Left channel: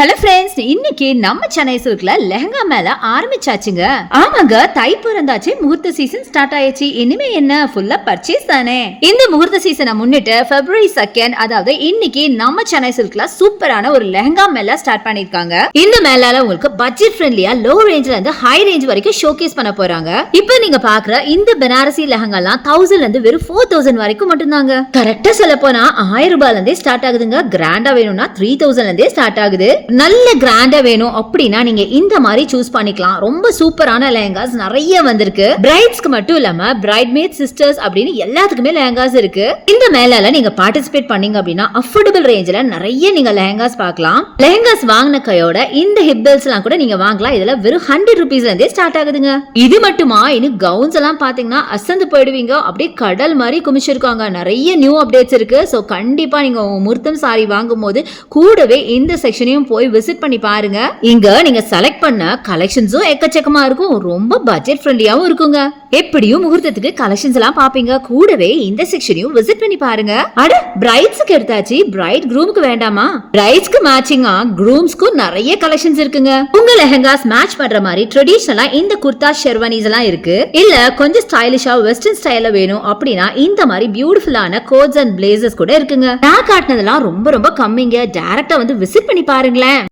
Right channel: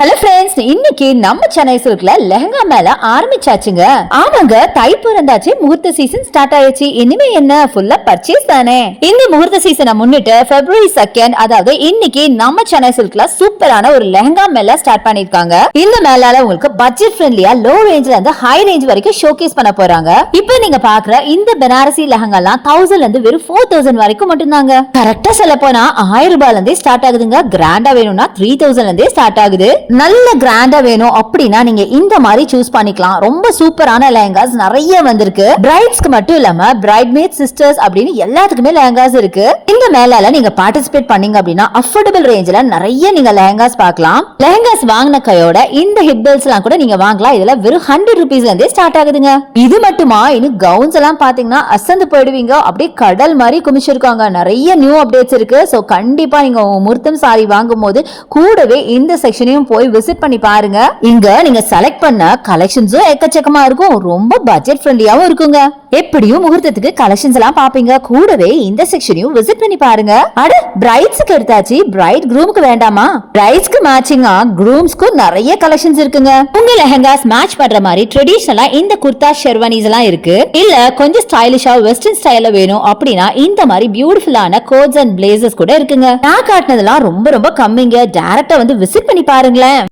Hello friends, இன்னைக்கு நம்ம சென்னை சில்க்ல லெஹங்கா மேல ஆரம்பிச்சாச்சுங்க. ஆமாங்க, தை பிறந்தாச்சு, முகூர்த்த சீசன் ஸ்டார்ட் ஆயிடுச்சு. இனிமே என்ன, ஃபுல்லா பர்ச்சேஸ் தானே. இந்த முகூர்த்த சீசனை முன்னிட்டு February 2 அதாவது இன்னைக்கு நம்ம சென்னை சில்க்ல சூப்பரான ஒரு லெஹங்கா மேல ஸ்டார்ட் பண்ணிருக்காங்க. இந்த மேலால உங்களுக்கு பட்ஜெட் ஃப்ரெண்ட்லியா லோ ரேஞ்ச்ல இருந்து ஹை ரேஞ்ச் வரைக்கும் ஷோகேஸ் பண்ண போறாங்க. இப்போ நீங்க பாக்குற இந்த பனாரசி லெஹங்கா எல்லாம் 1000ல இருந்து வெறும் 4000 வரைக்கும் மட்டும்தாங்க. கரெக்டா சொல்ல போனா 1000 ரூபாயில இருந்தே ஸ்டார்ட் ஆகுதுங்க. கிராண்டா வேணும்னா 3000ல இருந்தே ஸ்டார்ட் ஆகுது. நல்ல கிராண்டா வேணும் அப்படின்னா நீங்க இந்த மாதிரி சூஸ் பண்ணிக்கலாம். ரொம்ப சூப்பரான லெஹங்காஸ் நிறைய வந்திருக்கு. பிரைட்ஸ்க்கு மட்டும் இல்லாம பிரைட்மேட் சிஸ்டர்ஸ் அப்படின்னு எல்லாத்துக்குமே லெஹங்காஸ் இருக்கு. இந்த மேலால நீங்க பார்ட்டிசிபேட் பண்ணீங்க அப்படின்னா அஃபோர்டபிள் ரேஞ்சில நிறைய நீங்க லெஹங்காஸ் பார்க்கலாம். லெஹங்காஸ் வாங்கின கையோட இந்த ஹிப் பெல்ட்ஸ் எல்லாம் கூட நீங்க வாங்கலாம். இதுல வெறும் 100 ரூபீஸ்ல இருந்தே ஸ்டார்ட் ஆகுதுங்க. இது மட்டுமா, இன்னும் கவுன்ஸ் எல்லாம் பாத்தீங்கன்னா அசந்து போயிடுவீங்க. அப்படியே கடல் மாதிரி குமிச்சிருக்காங்க. நிறைய நியூ அப்டேட்ஸ் இருக்கு. சோ கண்டிப்பா நீங்க முர்த்தம் சாரி வாங்கும் போது கூடவே இந்த செக்ஷனையும் போய் விசிட் பண்ணி பாருங்க. இங்க நீங்க செலக்ட் பண்ண கலெக்ஷன்ஸும் எக்கச்சக்கமா இருக்கும். ரொம்ப பட்ஜெட் ஃப்ரெண்ட்லியாவும் இருக்குங்க. எப்படியும் முகூர்த்தத்துக்கு கலெக்ஷன்ஸ் எல்லாம் பாப்பீங்க. கூடவே இந்த செக்ஷனையும் விசிட் பண்ணி பாருங்க. அட, பிரைட்ஸ்க்கு எடுத்தாச்சு, பிரைட் க்ரூம்க்கு வேண்டாமா? பிரைட்ஸ்க்கு மேட்சிங்கா க்ரூம்ஸ்க்கு நிறைய கலெக்ஷன்ஸ் இருக்குங்க. உங்க லெஹங்காஸ் மேட்ச் பண்ற மாதிரி ட்ரெடிஷனலா இந்த குர்தா ஷெர்வானிஸ் எல்லாம் இருக்கு. இல்ல கொஞ்சம் ஸ்டைலிஷா வெஸ்டர்ன் ஸ்டைல்ல வேணும் அப்படின்னா இந்த மாதிரி பியூட்டிஃபுல்லான கோட்ஸ் அண்ட் பிளேசர்ஸ் கூட இருக்குங்க. நான் காட்டினதெல்லாம் ரொம்ப ரொம்ப கம்மிங்க. டைரக்டா வந்து விசிட் பண்ணி பாருங்களேன்.